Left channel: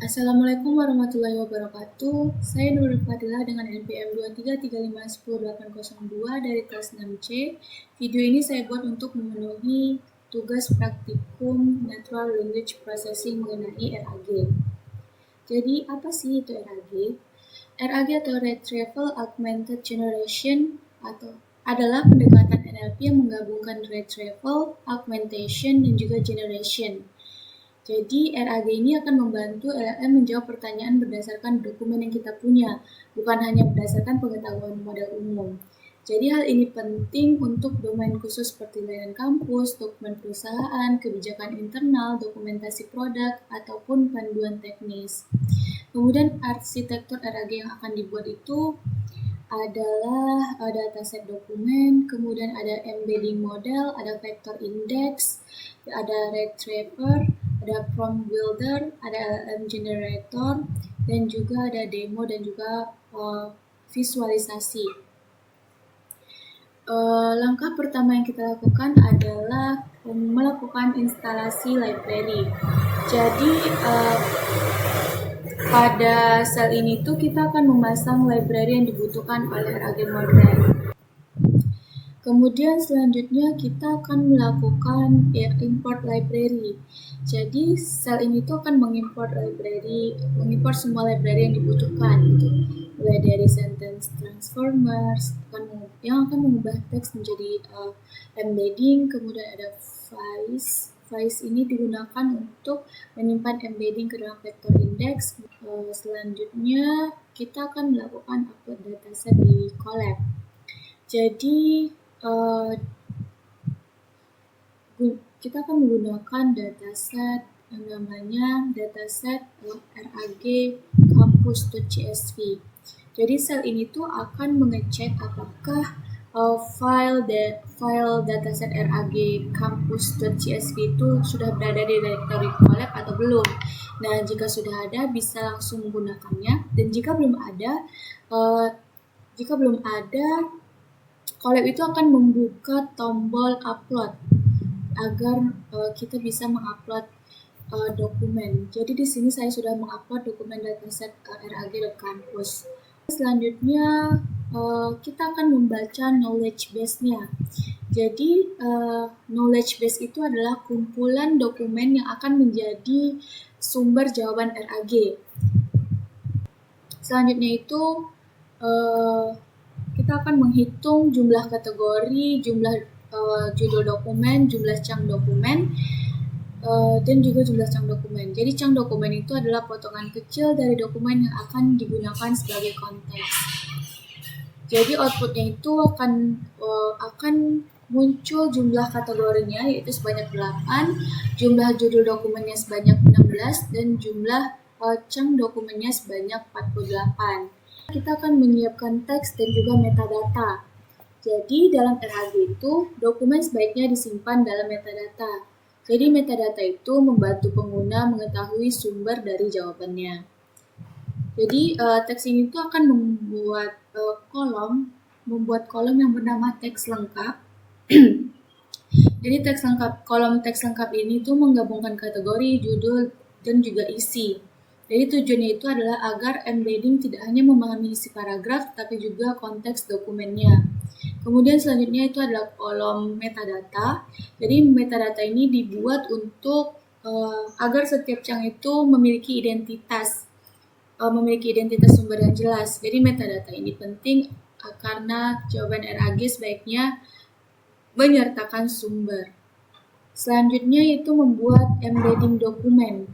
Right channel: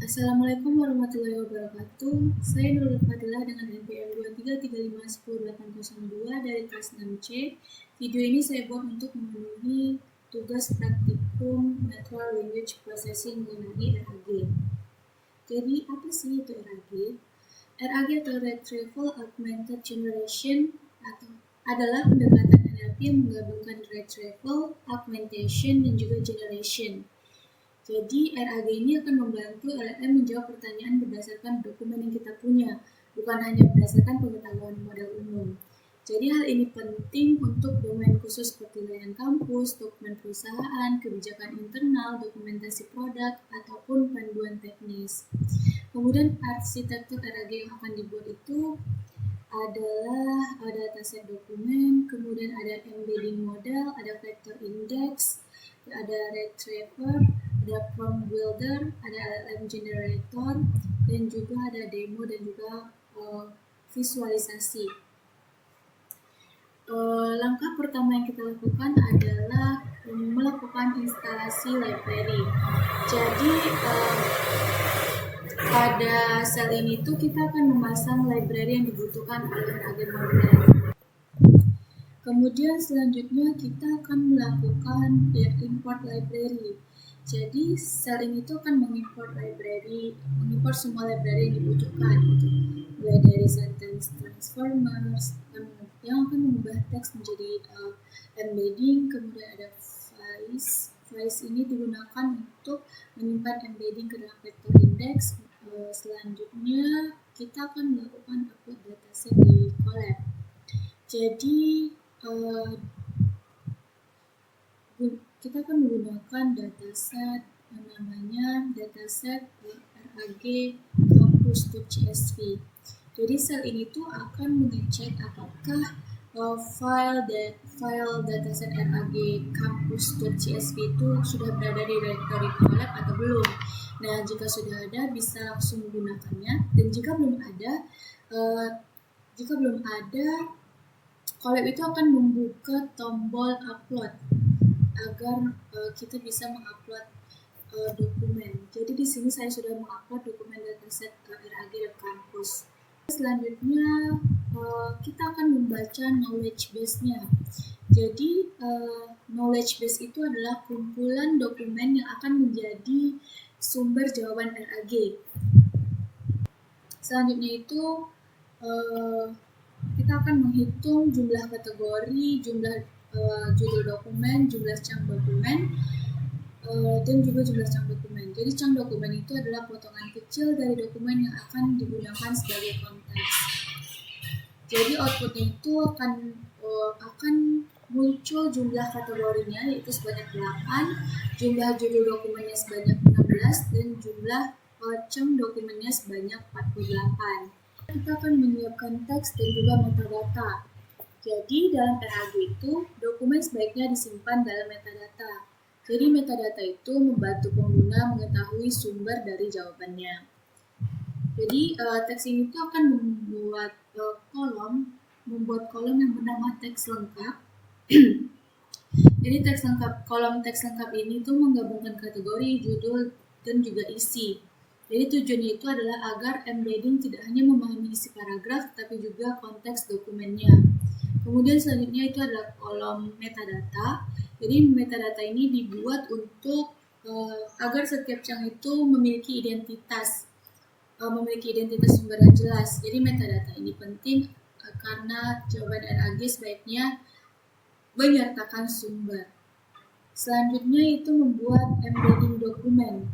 Assalamualaikum warahmatullahi wabarakatuh. Saya Nurul Fadilah dengan NPM 233510802 dari kelas 6C. Video ini saya buat untuk memenuhi tugas praktikum Natural Language Processing mengenai RAG. Jadi, apa sih itu RAG? RAG atau Retrieval Augmented Generation adalah pendekatan NLP yang menggabungkan retrieval, augmentation, dan juga generation. Jadi RAG ini akan membantu LLM menjawab pertanyaan berdasarkan dokumen yang kita punya, bukan hanya berdasarkan pengetahuan model umum. Jadi hal ini penting untuk domain khusus seperti layanan kampus, dokumen perusahaan, kebijakan internal, dokumentasi produk, ataupun panduan teknis. Kemudian arsitektur RAG yang akan dibuat itu adalah dataset dokumen, kemudian ada embedding model, ada vector index, ada retriever, ada prompt builder, ada LLM generator, dan juga ada demo dan juga visualisasi. Langkah pertama yang kita lakukan adalah melakukan instalasi library. Jadi pada sel ini tuh kita akan memasang library yang dibutuhkan oleh RAG model. Kemudian selanjutnya kita akan melakukan import library. Jadi sel ini tuh akan mengimport semua library yang dibutuhkan gitu. Mulai dari sentence transformers yang akan mengubah teks menjadi embedding, kemudian ada Vice. Vice ini digunakan untuk menyimpan embedding ke dalam vector index. Selanjutnya kita akan melakukan upload dataset di Colab. Jadi kita akan menggunakan dataset yang namanya dataset RAG campus.csv. Jadi sel ini tuh akan mengecek apakah file dataset RAG campus.csv itu sudah berada di directory Colab atau belum. Nah, jika sudah ada bisa langsung menggunakannya, dan jika belum ada Colab itu akan membuka tombol upload agar kita bisa mengupload dokumen. Jadi di sini saya sudah mengupload dokumen dataset rag.campus. Selanjutnya kita akan membaca knowledge base-nya. Jadi knowledge base itu adalah kumpulan dokumen yang akan menjadi sumber jawaban RAG. Selanjutnya itu kita akan menghitung jumlah kategori, jumlah judul dokumen, jumlah chunk dokumen, dan juga jumlah chunk dokumen. Jadi chunk dokumen itu adalah potongan kecil dari dokumen yang akan digunakan sebagai konteks. Jadi outputnya itu akan muncul jumlah kategorinya yaitu sebanyak 8, jumlah judul dokumennya sebanyak 16, dan jumlah chunk dokumennya sebanyak 48. Kita akan menyiapkan teks dan juga metadata. Jadi dalam RAG itu dokumen sebaiknya disimpan dalam metadata. Jadi metadata itu membantu pengguna mengetahui sumber dari jawabannya. Jadi teks ini tuh akan membuat kolom yang bernama teks lengkap. Jadi kolom teks lengkap ini tuh menggabungkan kategori, judul, dan juga isi. Jadi tujuannya itu adalah agar embedding tidak hanya memahami isi paragraf, tapi juga konteks dokumennya. Kemudian selanjutnya itu adalah kolom metadata. Jadi metadata ini dibuat untuk agar setiap chunk itu memiliki identitas sumber yang jelas. Jadi metadata ini penting karena jawaban RAG sebaiknya menyertakan sumber. Selanjutnya itu membuat embedding dokumen.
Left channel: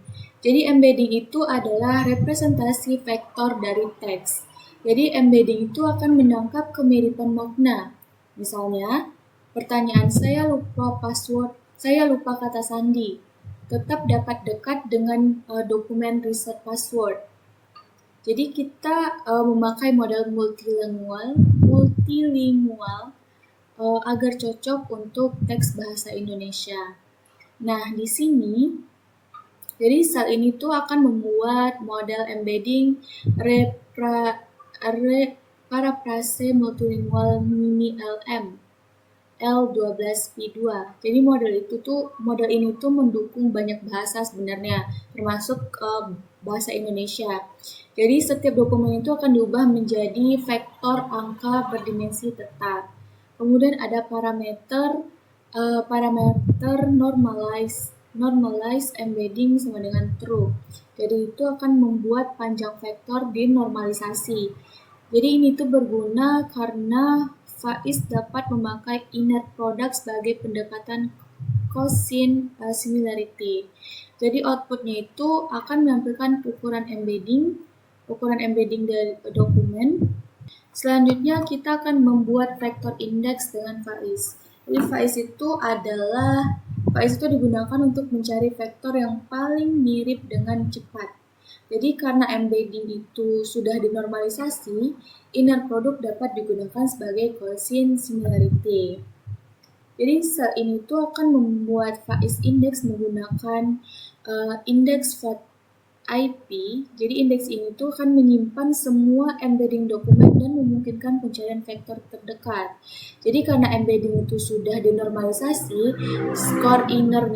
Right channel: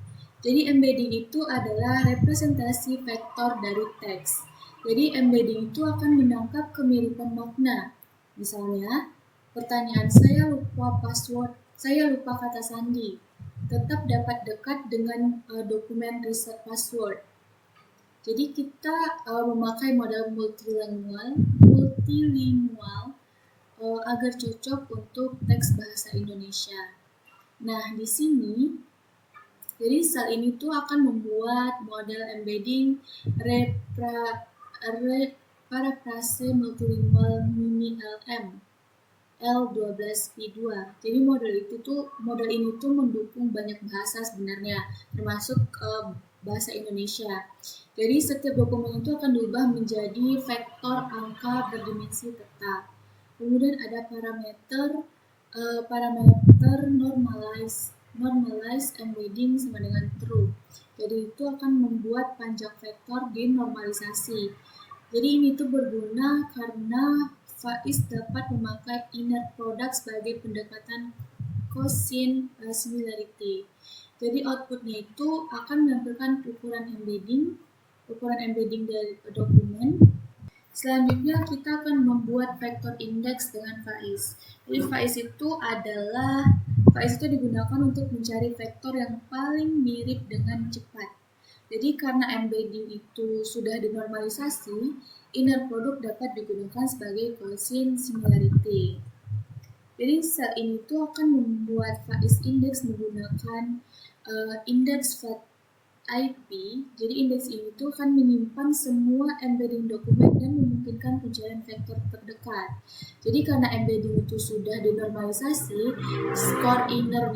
Jadi embedding itu adalah representasi vektor dari teks. Jadi embedding itu akan menangkap kemiripan makna. Misalnya, pertanyaan saya lupa kata sandi, tetap dapat dekat dengan dokumen reset password. Jadi kita memakai model multilingual agar cocok untuk teks bahasa Indonesia. Nah, di sini jadi sel ini tuh akan membuat model embedding Paraphrase Multilingual Mini LM L12P2. Jadi model ini tuh mendukung banyak bahasa sebenarnya, termasuk bahasa Indonesia. Jadi setiap dokumen itu akan diubah menjadi vektor angka berdimensi tetap. Kemudian ada parameter normalize embedding sama dengan true. Jadi itu akan membuat panjang vektor dinormalisasi. Jadi ini tuh berguna karena Faiz dapat memakai inner product sebagai pendekatan cosine similarity. Jadi outputnya itu akan menampilkan ukuran embedding dari dokumen. Selanjutnya kita akan membuat vektor indeks dengan Faiz. Jadi Faiz itu digunakan untuk mencari vektor yang paling mirip dengan cepat. Jadi karena embedding itu sudah dinormalisasi, inner product dapat digunakan sebagai cosine similarity. Jadi sel ini tuh akan membuat Faiz index menggunakan indeks IP. Jadi indeks ini tuh akan menyimpan semua embedding dokumen dan memungkinkan pencarian vektor terdekat. Jadi karena embedding itu sudah dinormalisasi, skor inner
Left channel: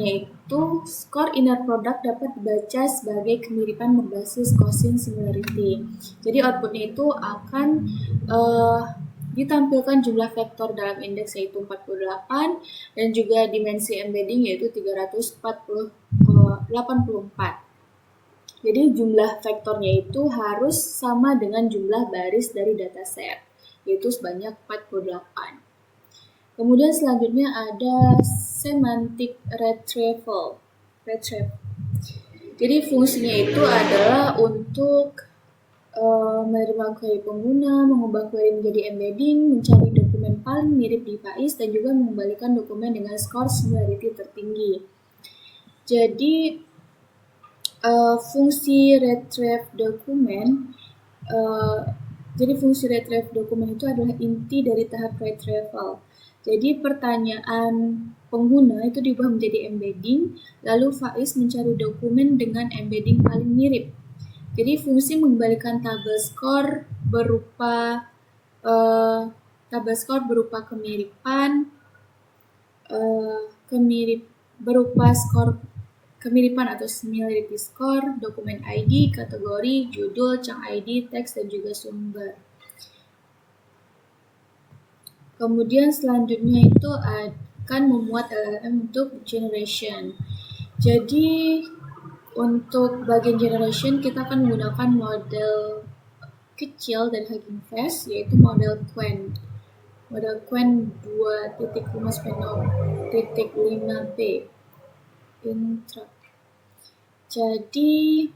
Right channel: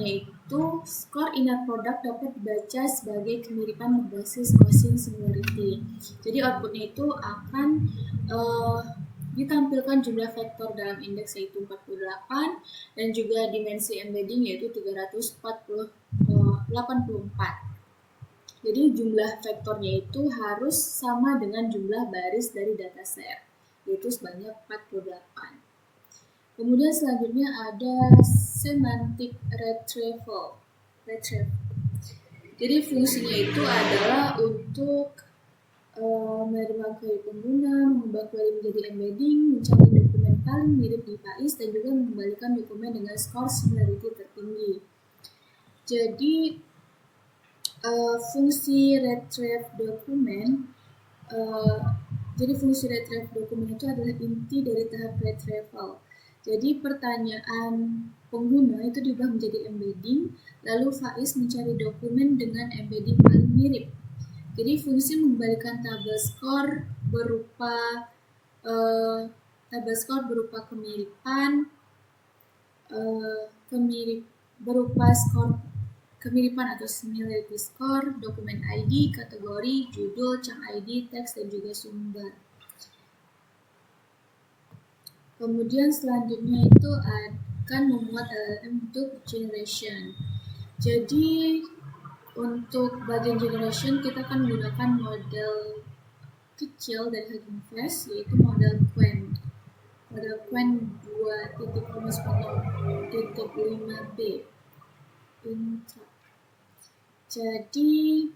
product dapat dibaca sebagai kemiripan berbasis cosine similarity. Jadi outputnya itu akan ditampilkan jumlah vektor dalam indeks yaitu 48 dan juga dimensi embedding yaitu 384. Jadi jumlah vektornya itu harus sama dengan jumlah baris dari dataset yaitu sebanyak 48. Kemudian selanjutnya ada semantic retrieval. Jadi fungsinya itu adalah untuk menerima query pengguna, mengubah query menjadi embedding, mencari dokumen paling mirip di Faiz, dan juga mengembalikan dokumen dengan skor similarity tertinggi. Jadi fungsi retrieve dokumen itu adalah inti dari tahap retrieval. Jadi pertanyaan pengguna itu diubah menjadi embedding, lalu Faiz mencari dokumen dengan embedding paling mirip. Jadi fungsi mengembalikan tabel skor berupa kemiripan atau similarity score, dokumen ID, kategori, judul, chunk ID, teks, dan juga sumber. Kemudian selanjutnya itu akan memuat LLM untuk generation. Jadi untuk bagian generation kita akan menggunakan model kecil dari Hugging Face yaitu model Qwen. Model Qwen 2.5.5b. Intro. Jadi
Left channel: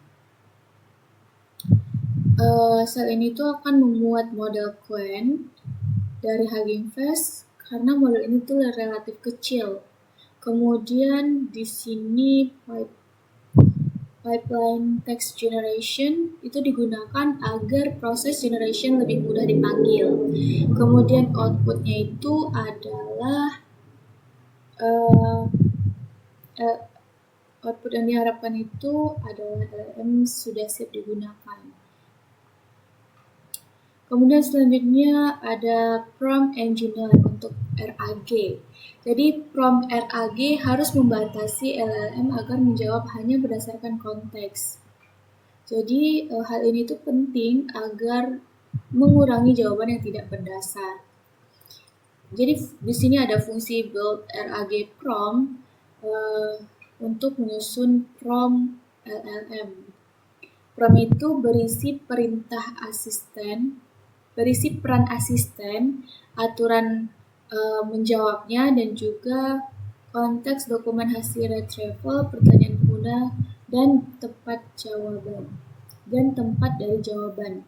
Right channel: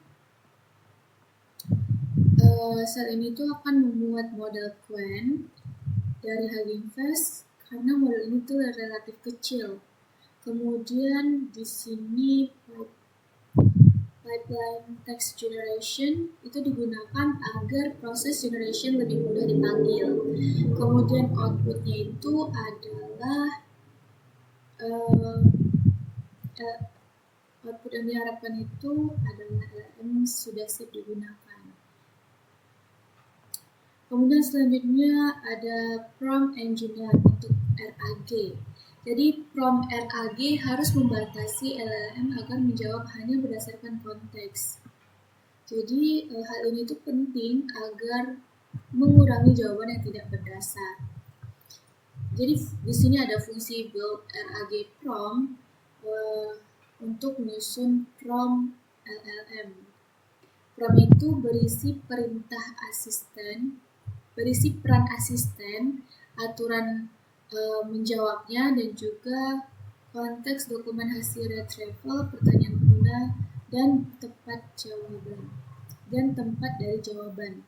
sel ini tuh akan memuat model Qwen dari Hugging Face karena model ini tuh relatif kecil. Kemudian di sini pipeline text generation itu digunakan agar proses generation lebih mudah dipanggil. Kemudian outputnya itu adalah output yang diharapkan itu adalah LLM sudah siap digunakan. Kemudian selanjutnya ada prompt engineer untuk RAG. Jadi prompt RAG harus membatasi LLM agar menjawab hanya berdasarkan konteks. Jadi hal ini tuh penting agar mengurangi jawaban yang tidak berdasar. Jadi di sini ada fungsi build RAG prompt untuk menyusun prompt LLM. Prompt itu berisi peran asisten, aturan menjawabnya, dan juga konteks dokumen hasil retrieval, pertanyaan pengguna, dan tempat dari jawaban.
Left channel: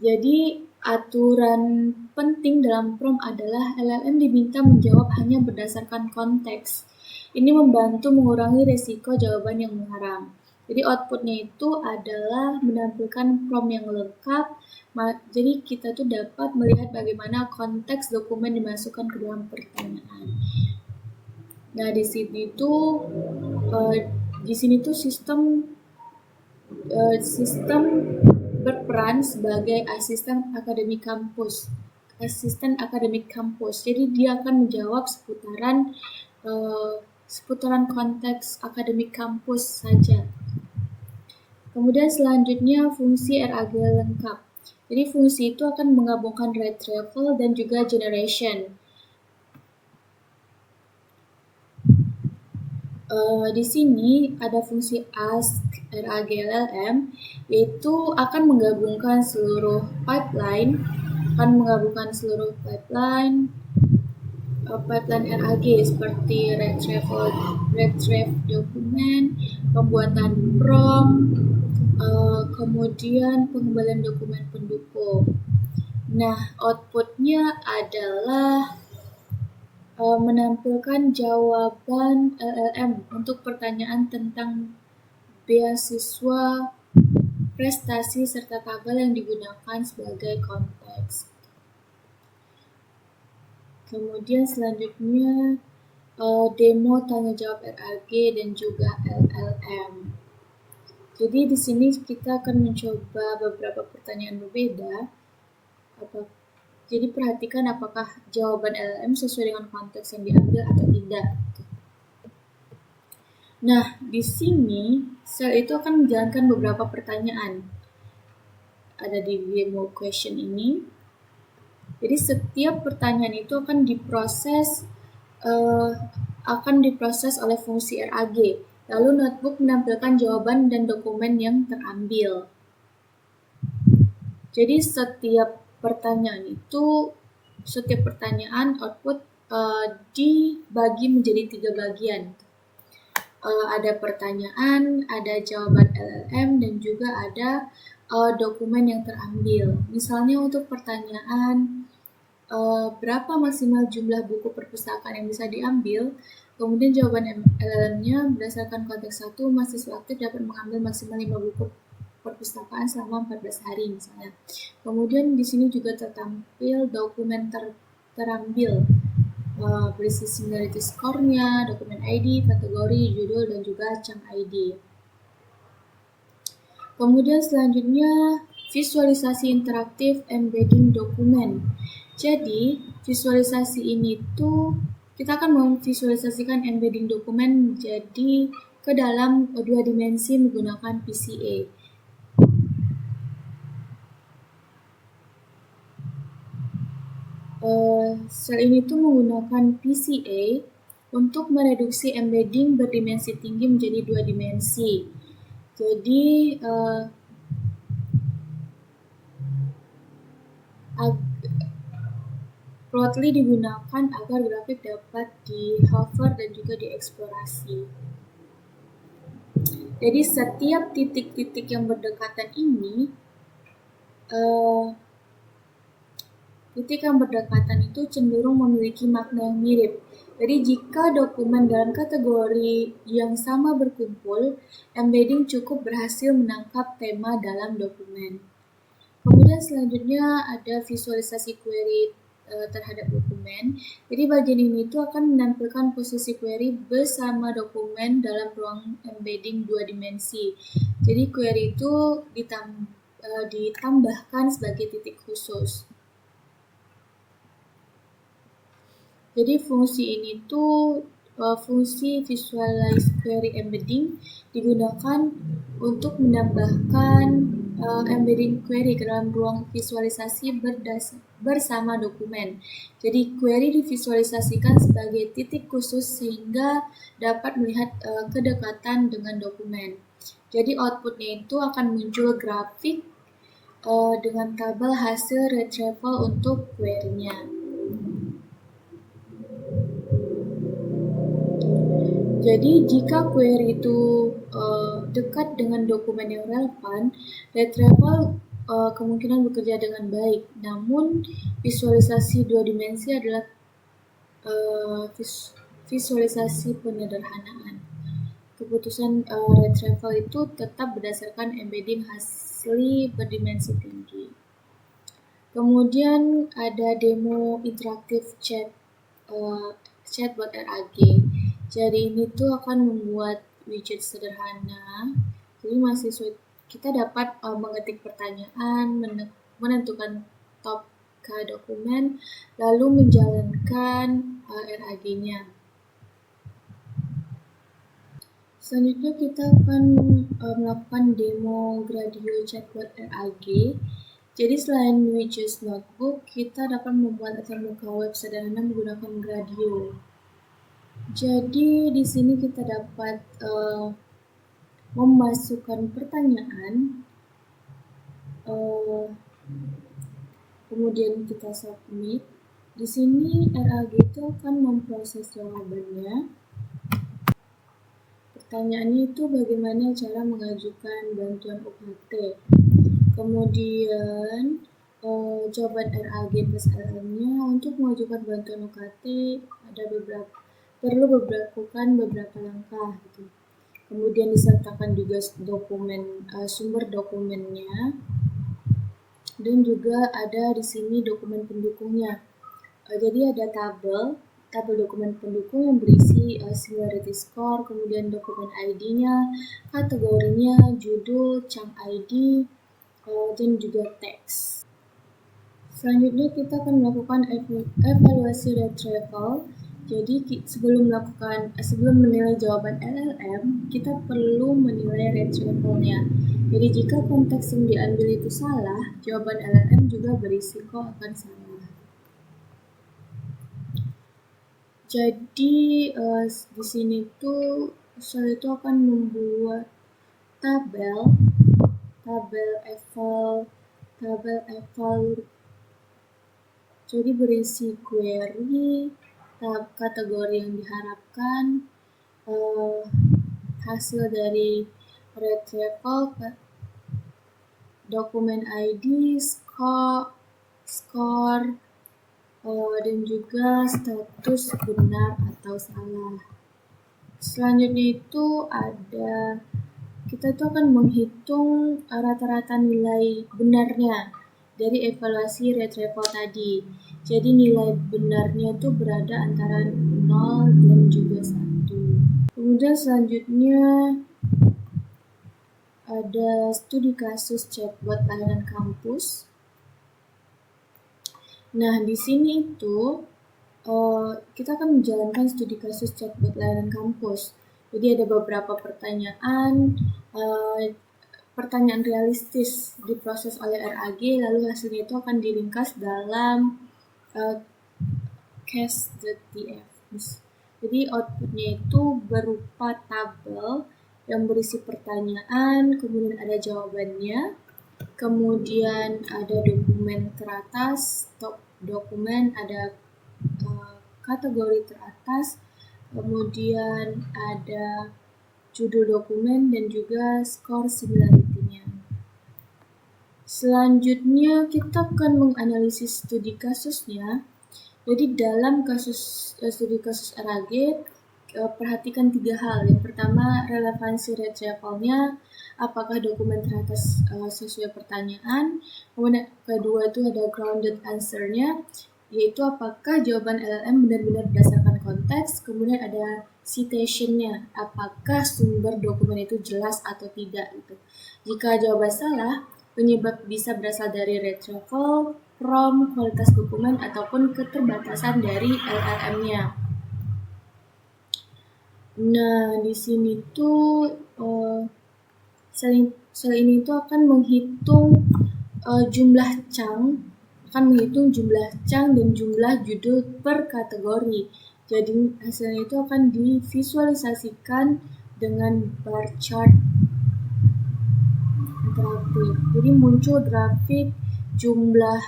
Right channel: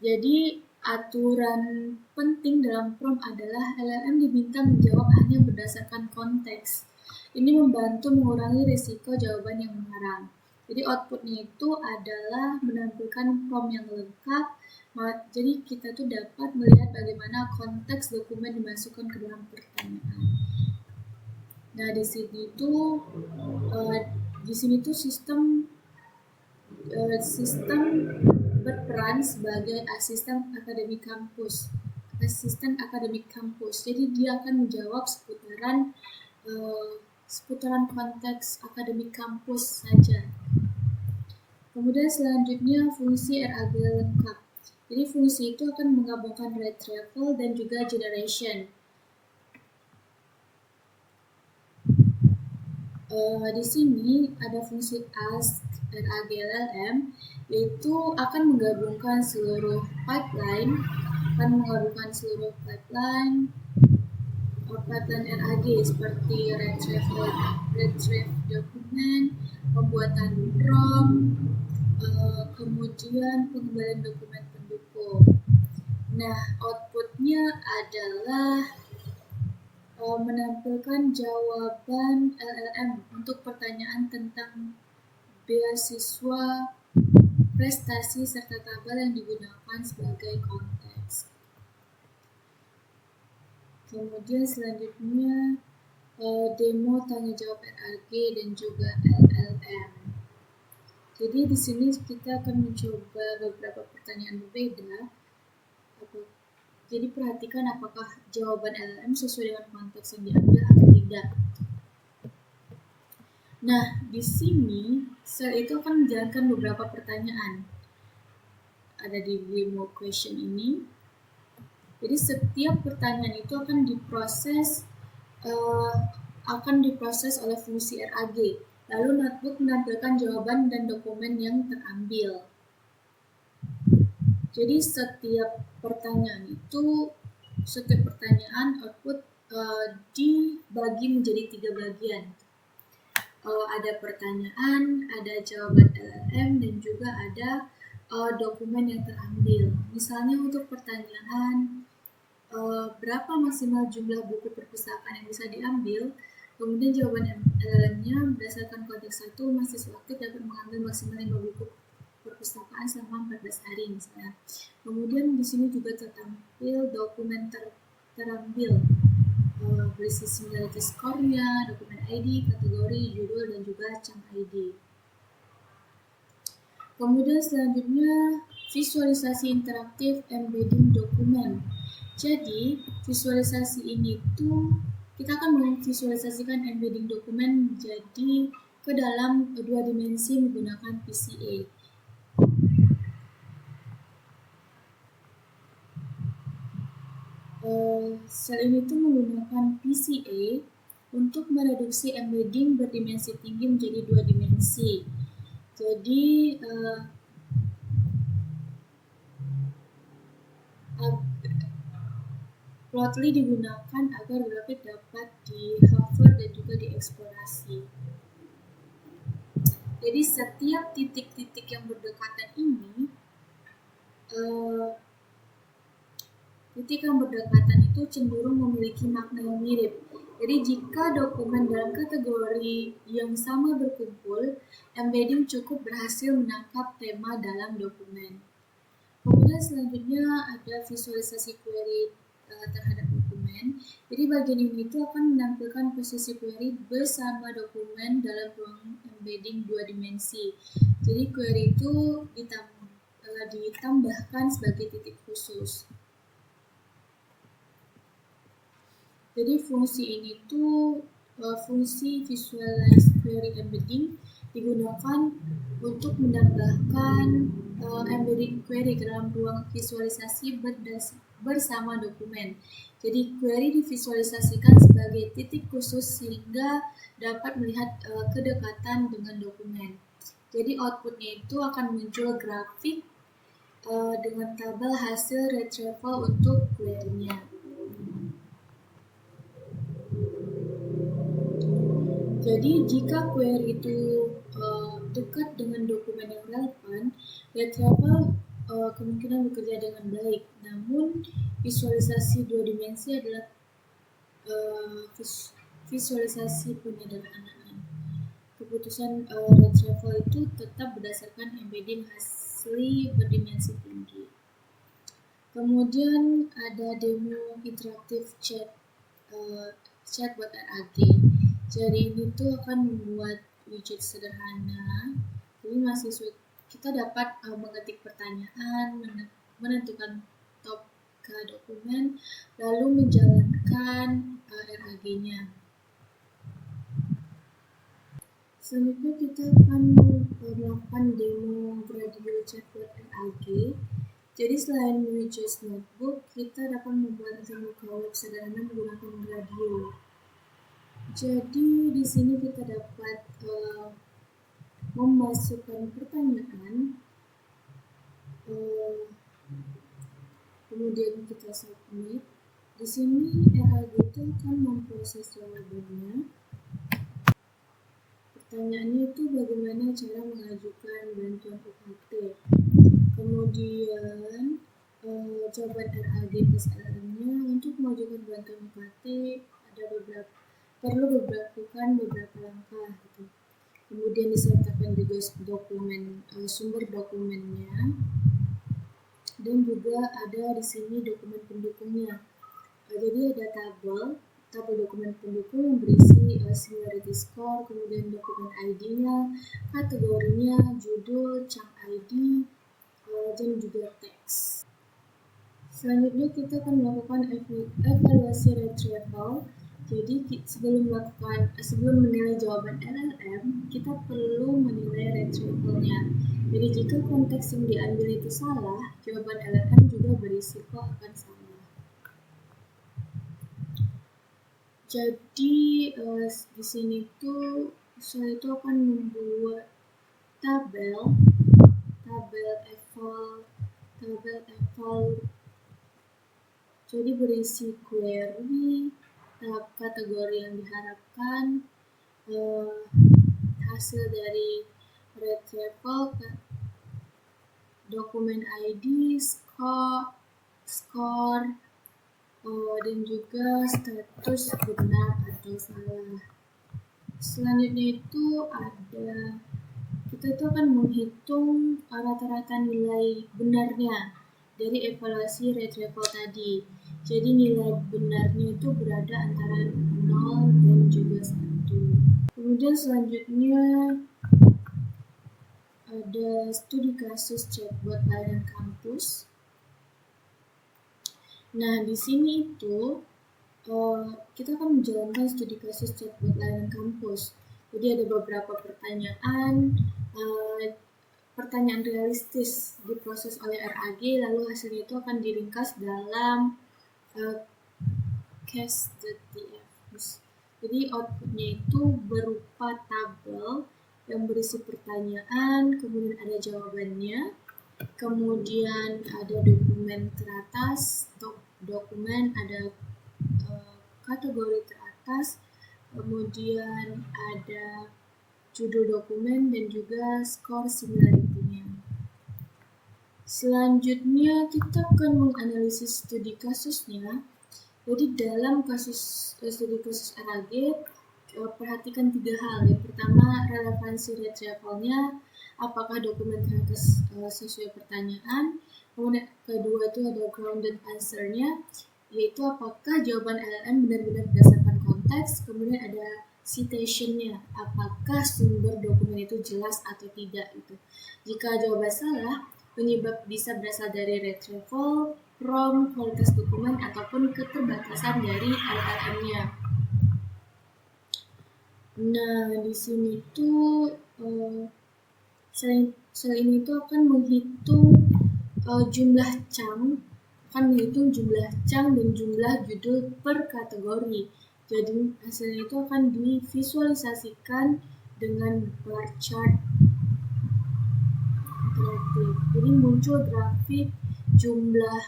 Jadi aturan penting dalam prompt adalah LLM diminta menjawab hanya berdasarkan konteks. Ini membantu mengurangi risiko jawaban yang mengarang. Jadi outputnya itu adalah menampilkan prompt yang lengkap. Jadi kita tuh dapat melihat bagaimana konteks dokumen dimasukkan ke dalam pertanyaan. Nah di sini tuh sistem berperan sebagai asisten akademik kampus. Jadi dia akan menjawab seputaran konteks akademik kampus saja. Kemudian selanjutnya fungsi RAG lengkap. Jadi fungsi itu akan menggabungkan retrieval dan juga generation. Di sini ada fungsi ask RAG-LLM, yaitu akan menggabungkan seluruh pipeline RAG seperti retrieve dokumen, pembuatan prompt, kemudian pengembalian dokumen pendukung. Nah, outputnya adalah menampilkan jawaban LLM untuk pertanyaan tentang beasiswa, prestasi, serta tabel yang digunakan sebagai konteks. Kemudian selanjutnya demo tanya jawab RAG dan juga LLM. Jadi di sini kita akan mencoba beberapa pertanyaan berbeda. Jadi perhatikan apakah jawaban LLM sesuai dengan konteks yang diambil atau tidak. Nah, di sini sel itu akan menjalankan beberapa pertanyaan. Ada di demo question ini. Jadi setiap pertanyaan itu akan diproses oleh fungsi RAG. Lalu notebook menampilkan jawaban dan dokumen yang terambil. Jadi setiap pertanyaan output dibagi menjadi 3 bagian. Ada pertanyaan, ada jawaban LLM, dan juga ada dokumen yang terambil. Misalnya untuk pertanyaan berapa maksimal jumlah buku perpustakaan yang bisa diambil, kemudian jawaban LLM-nya berdasarkan konteks 1, mahasiswa aktif dapat mengambil maksimal 5 buku perpustakaan selama 14 hari misalnya. Kemudian di sini juga tertampil dokumen terambil, berisi similarity score-nya, dokumen ID, kategori, judul, dan juga chunk ID. Kemudian selanjutnya visualisasi interaktif embedding dokumen. Jadi visualisasi ini tuh kita akan memvisualisasikan embedding dokumen menjadi ke dalam 2 dimensi menggunakan PCA. Sel ini tuh menggunakan PCA untuk mereduksi embedding berdimensi tinggi menjadi 2 dimensi. Jadi Plotly digunakan agar grafik dapat di-hover dan juga dieksplorasi. Jadi setiap titik-titik yang berdekatan ini itu cenderung memiliki makna yang mirip. Jadi jika dokumen dalam kategori yang sama berkumpul, embedding cukup berhasil menangkap tema dalam dokumen. Kemudian selanjutnya ada visualisasi query terhadap dokumen. Jadi bagian ini tuh akan menampilkan posisi query bersama dokumen dalam ruang embedding 2 dimensi. Jadi query itu ditambahkan sebagai titik khusus. Jadi fungsi ini tuh fungsi visualize query embedding digunakan untuk menambahkan embedding query ke dalam ruang visualisasi bersama dokumen. Jadi query divisualisasikan sebagai titik khusus sehingga dapat melihat kedekatan dengan dokumen. Jadi outputnya itu akan muncul grafik dengan tabel hasil retrieval untuk query-nya. Jadi jika query itu dekat dengan dokumen yang relevan, retrieval kemungkinan bekerja dengan baik. Namun visualisasi 2 dimensi adalah visualisasi penyederhanaan. Keputusan retrieval itu tetap berdasarkan embedding asli berdimensi tinggi. Kemudian ada demo interaktif chatbot RAG. Jadi ini tuh akan membuat widget sederhana. Jadi mahasiswa kita dapat mengetik pertanyaan, menentukan topik dokumen, lalu menjalankan RAG-nya. Selanjutnya kita akan melakukan demo Gradio Chatbot RAG. Jadi selain Widgets Notebook, kita dapat membuat antarmuka web sederhana menggunakan Gradio. Jadi di sini kita dapat memasukkan pertanyaan, kemudian kita submit. Di sini RAG itu akan memproses jawabannya. Pertanyaannya itu bagaimana cara mengajukan bantuan UKT. Kemudian jawaban RAG plus LLM-nya untuk mengajukan bantuan UKT perlu melakukan beberapa langkah gitu. Kemudian disertakan juga sumber dokumennya, dan juga ada di sini dokumen pendukungnya. Jadi ada tabel dokumen pendukung yang berisi similarity score, kemudian dokumen ID-nya, kategorinya, judul, chunk ID, dan juga teks. Selanjutnya kita akan melakukan evaluasi retrieval. Jadi sebelum menilai jawaban LLM, kita perlu menilai retrievalnya. Jadi jika konteks yang diambil itu salah, jawaban LLM juga berisiko akan salah. Jadi di sini tuh saya itu akan membuat tabel eval. Jadi berisi query, kategori yang diharapkan, hasil dari retrieval, dokumen ID, score, dan juga status benar atau salah. Selanjutnya itu kita itu akan menghitung rata-rata nilai benarnya dari evaluasi retrieval tadi. Jadi nilai benarnya itu berada antara 0 dan juga 1. Kemudian selanjutnya ada studi kasus chatbot layanan kampus. Nah, di sini itu kita akan menjalankan studi kasus chatbot layanan kampus. Jadi ada beberapa pertanyaan realistis diproses oleh RAG, lalu hasilnya itu akan diringkas dalam case.tf. Jadi outputnya itu berupa tabel yang berisi pertanyaan, kemudian ada jawabannya, kemudian ada dokumen teratas, top dokumen, ada kategori teratas, kemudian ada judul dokumen, dan juga skor similarity-nya. Selanjutnya kita akan menganalisis studi kasusnya. Jadi dalam studi kasus RAG, perhatikan 3 hal. Yang pertama, relevansi retrieval-nya, apakah dokumen teratas sesuai pertanyaan. Kemudian kedua itu ada grounded answer-nya, yaitu apakah jawaban LLM benar-benar berdasarkan konteks. Kemudian ada citation-nya, apakah sumber dokumen itu jelas atau tidak gitu. Jika jawaban salah, penyebab bisa berasal dari retrieval, prompt, kualitas dokumen, ataupun keterbatasan dari LLM-nya. Nah, di sini tuh sel ini tuh akan menghitung jumlah chunk dan jumlah judul per kategori. Jadi hasilnya itu akan divisualisasikan dengan bar chart interaktif. Jadi muncul grafik jumlah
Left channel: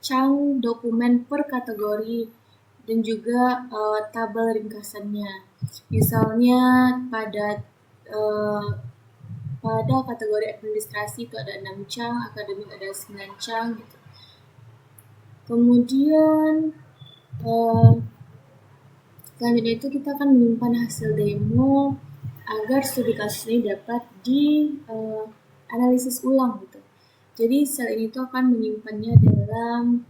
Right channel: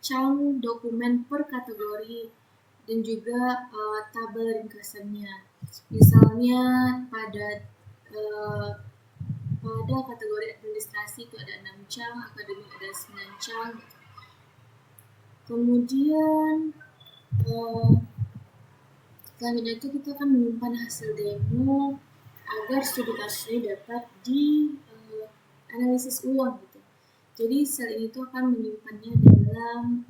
chunk dokumen per kategori dan juga tabel ringkasannya. Misalnya pada kategori administrasi itu ada 6 chunk, akademik ada 9 chunk gitu. Kemudian selanjutnya itu kita akan menyimpan hasil demo agar studi kasus ini dapat dianalisis ulang gitu. Jadi sel ini tuh akan menyimpannya dalam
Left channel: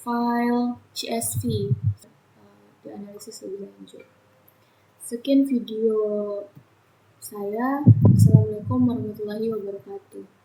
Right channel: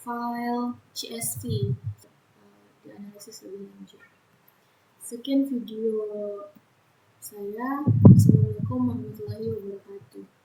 file CSV, dianalisis lebih lanjut. Sekian video saya. Assalamualaikum warahmatullahi wabarakatuh.